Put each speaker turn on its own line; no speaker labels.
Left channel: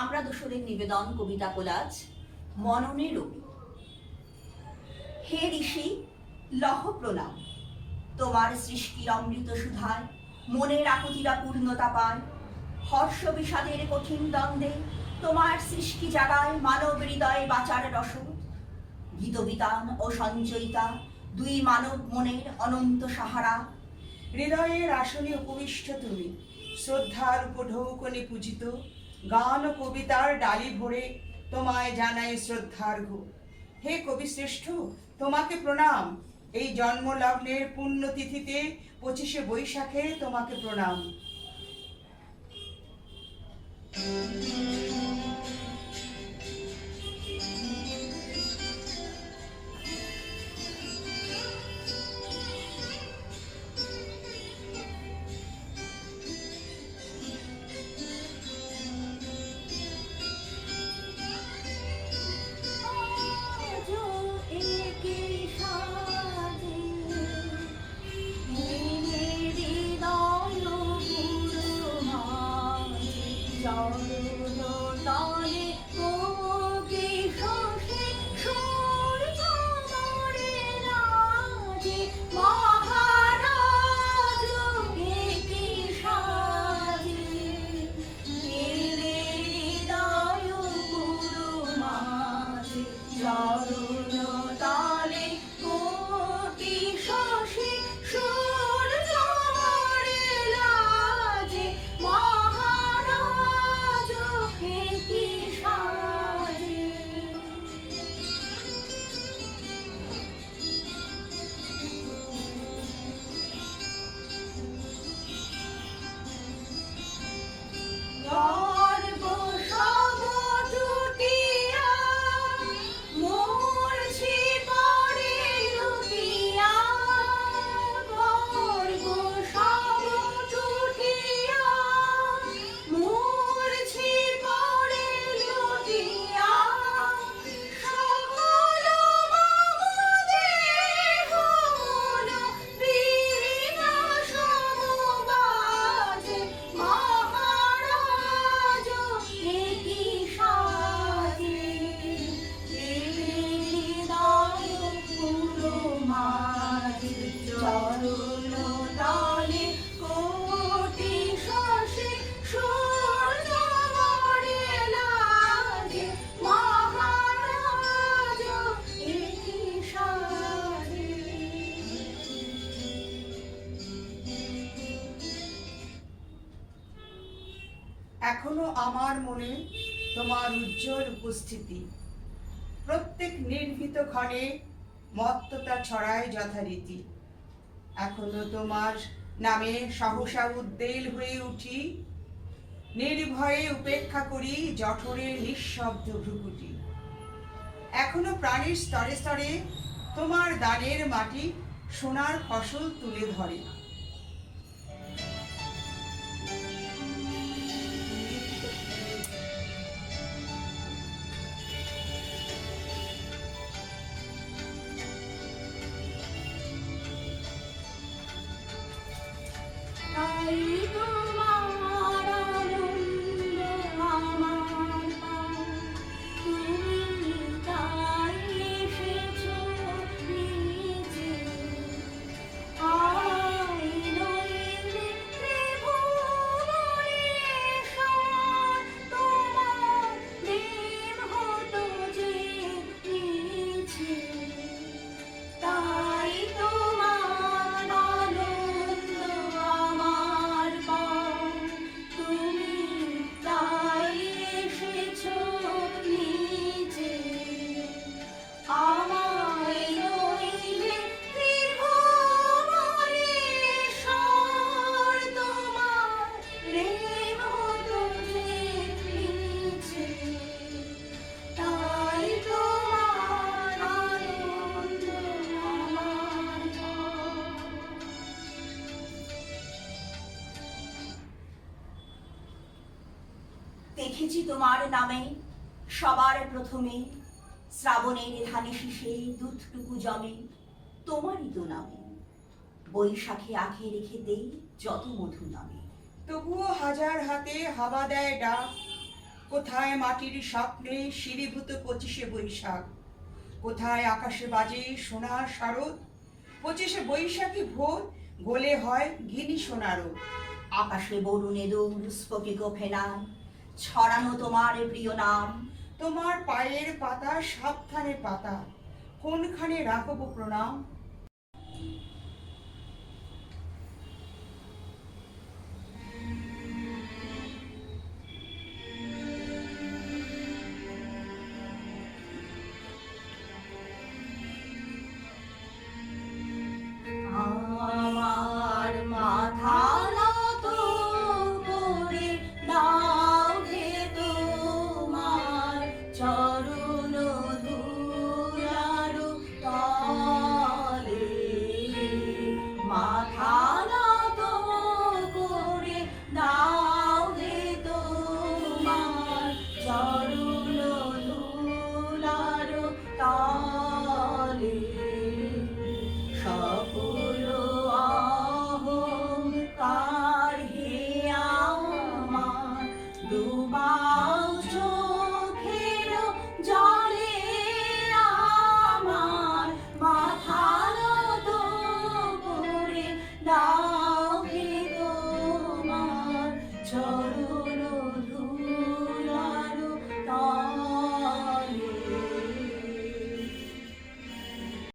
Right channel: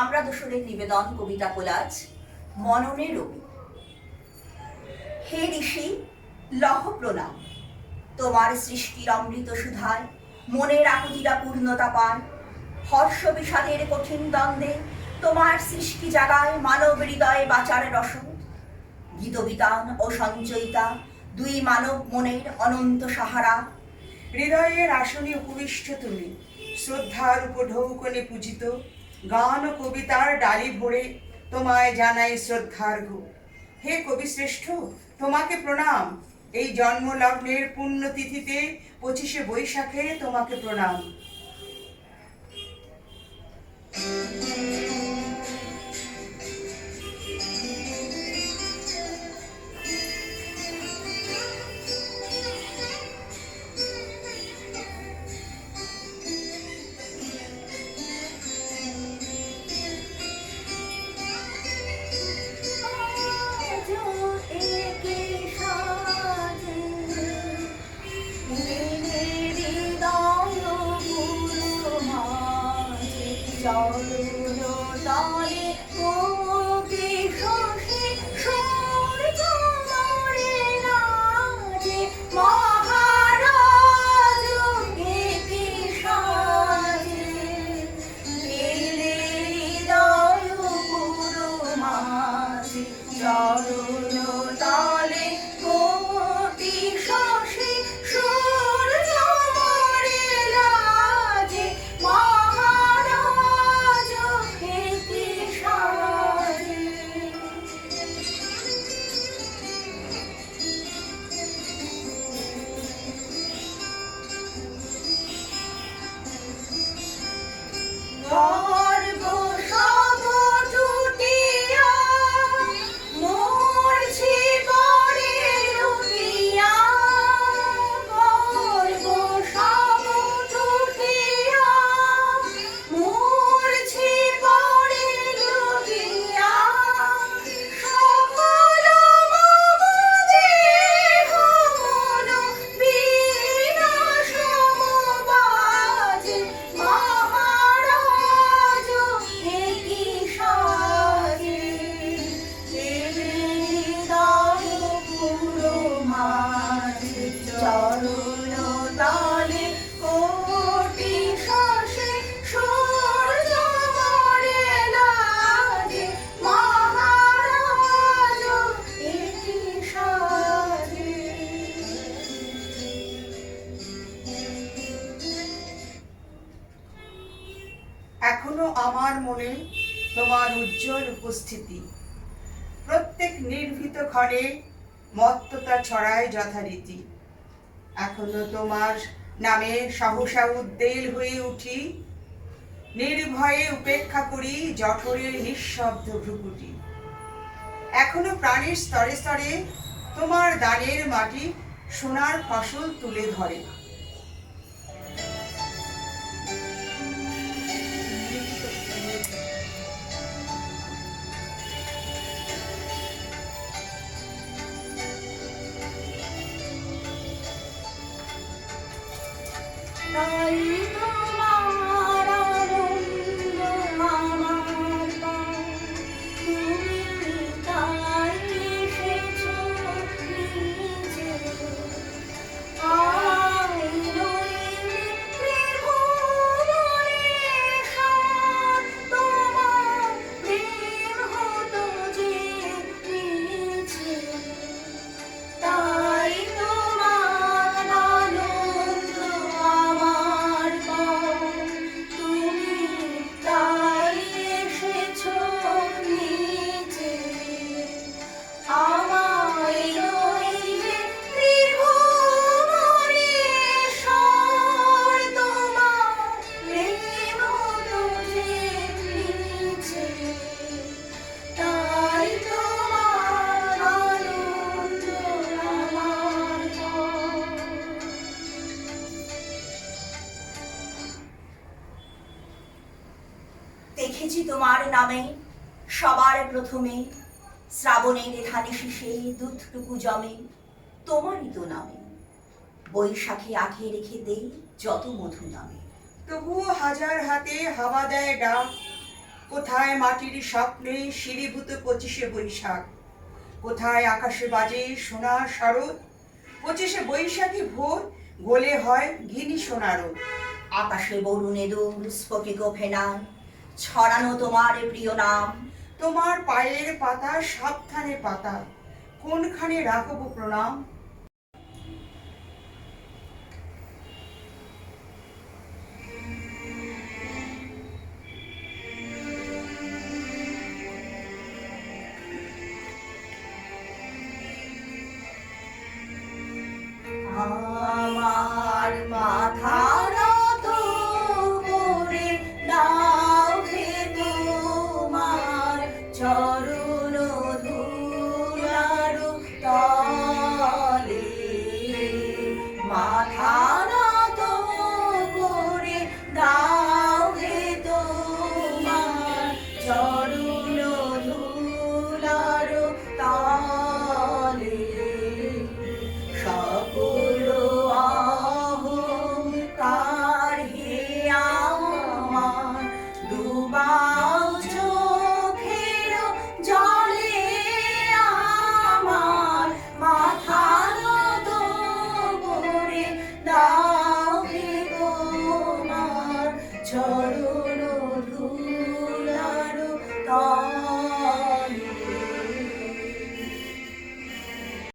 আমরা দোসরের নিবেদন, কবিতা কোলাজ মননে রবি। হে ঋষি, লহ প্রণাম। তোমার সৃষ্টির অমৃত সুধায় মনের আকুতিরা পূর্ণতা পান। হর্ষ বিষাদের কঠিন দ্বন্দ্বে তোমার সৃষ্টি জাগায় মানব হৃদয়ে বাঁচার রসদ। গীতবিতান ও সঞ্চয়িতা, দুই মানব মনের অনন্ত সাহারা।
হৃদয়ের আসনে উপবিষ্ট তুমি। শ্রদ্ধার উপঢৌকনে পূজিত। গান ও কবিতার ডালি ভরে তোমায় জানাই শ্রদ্ধার্ঘ হে কবি শ্রেষ্ঠ, তোমাকে প্রণাম। এই জন্মলগ্নের পুণ্যতিথিতে পঁচিশে বৈশাখে তোমাকে প্রণাম।
চরণ তলে কোকে
এখনও আমার মনে তোমার উজ্জ্বল উপস্থিতি। প্রত্যেক নির্ভীত ক্ষণে মত্ততা ছড়ায় যথারীতি। এখনও তোমার নামে সহসা উদ্বেল হয়ে উঠি। নির্ভয়ে উপেক্ষা করি জঠরের নিঃশব্দ ভ্রুকুটি। এখনও প্রাণের স্তরে স্তরে তোমার দানের মাটি সোনার ফসল তুলে ধরে।
দেখেছি তোমার নামে সবার প্রথমে শ্রাবণের ধানে শীষে দুধটুকু জমে তোমারই তো নামে। বৈশাখে আখে রেখে দেই যত মধু নামে।
তবুও হাজার হাতে হাওয়া দেয় ডাক। কোথায় মাটির স্বপ্নে শিরীভূত পঁচিশে বৈশাখ? কোথায় আকাশে বাজে সোনার শারদ? পঁচিশে বৈশাখী ভোর গোলে হয় ঘিনি সোনারও
আকাশে বরুণে দুম স্ফটিক ফেনায় ছড়ানো তোমার প্রিয় নাম।
তোমার পায়ের পাতা সাবধানে পাতা। কোনখানে রাখব প্রণাম? চরণ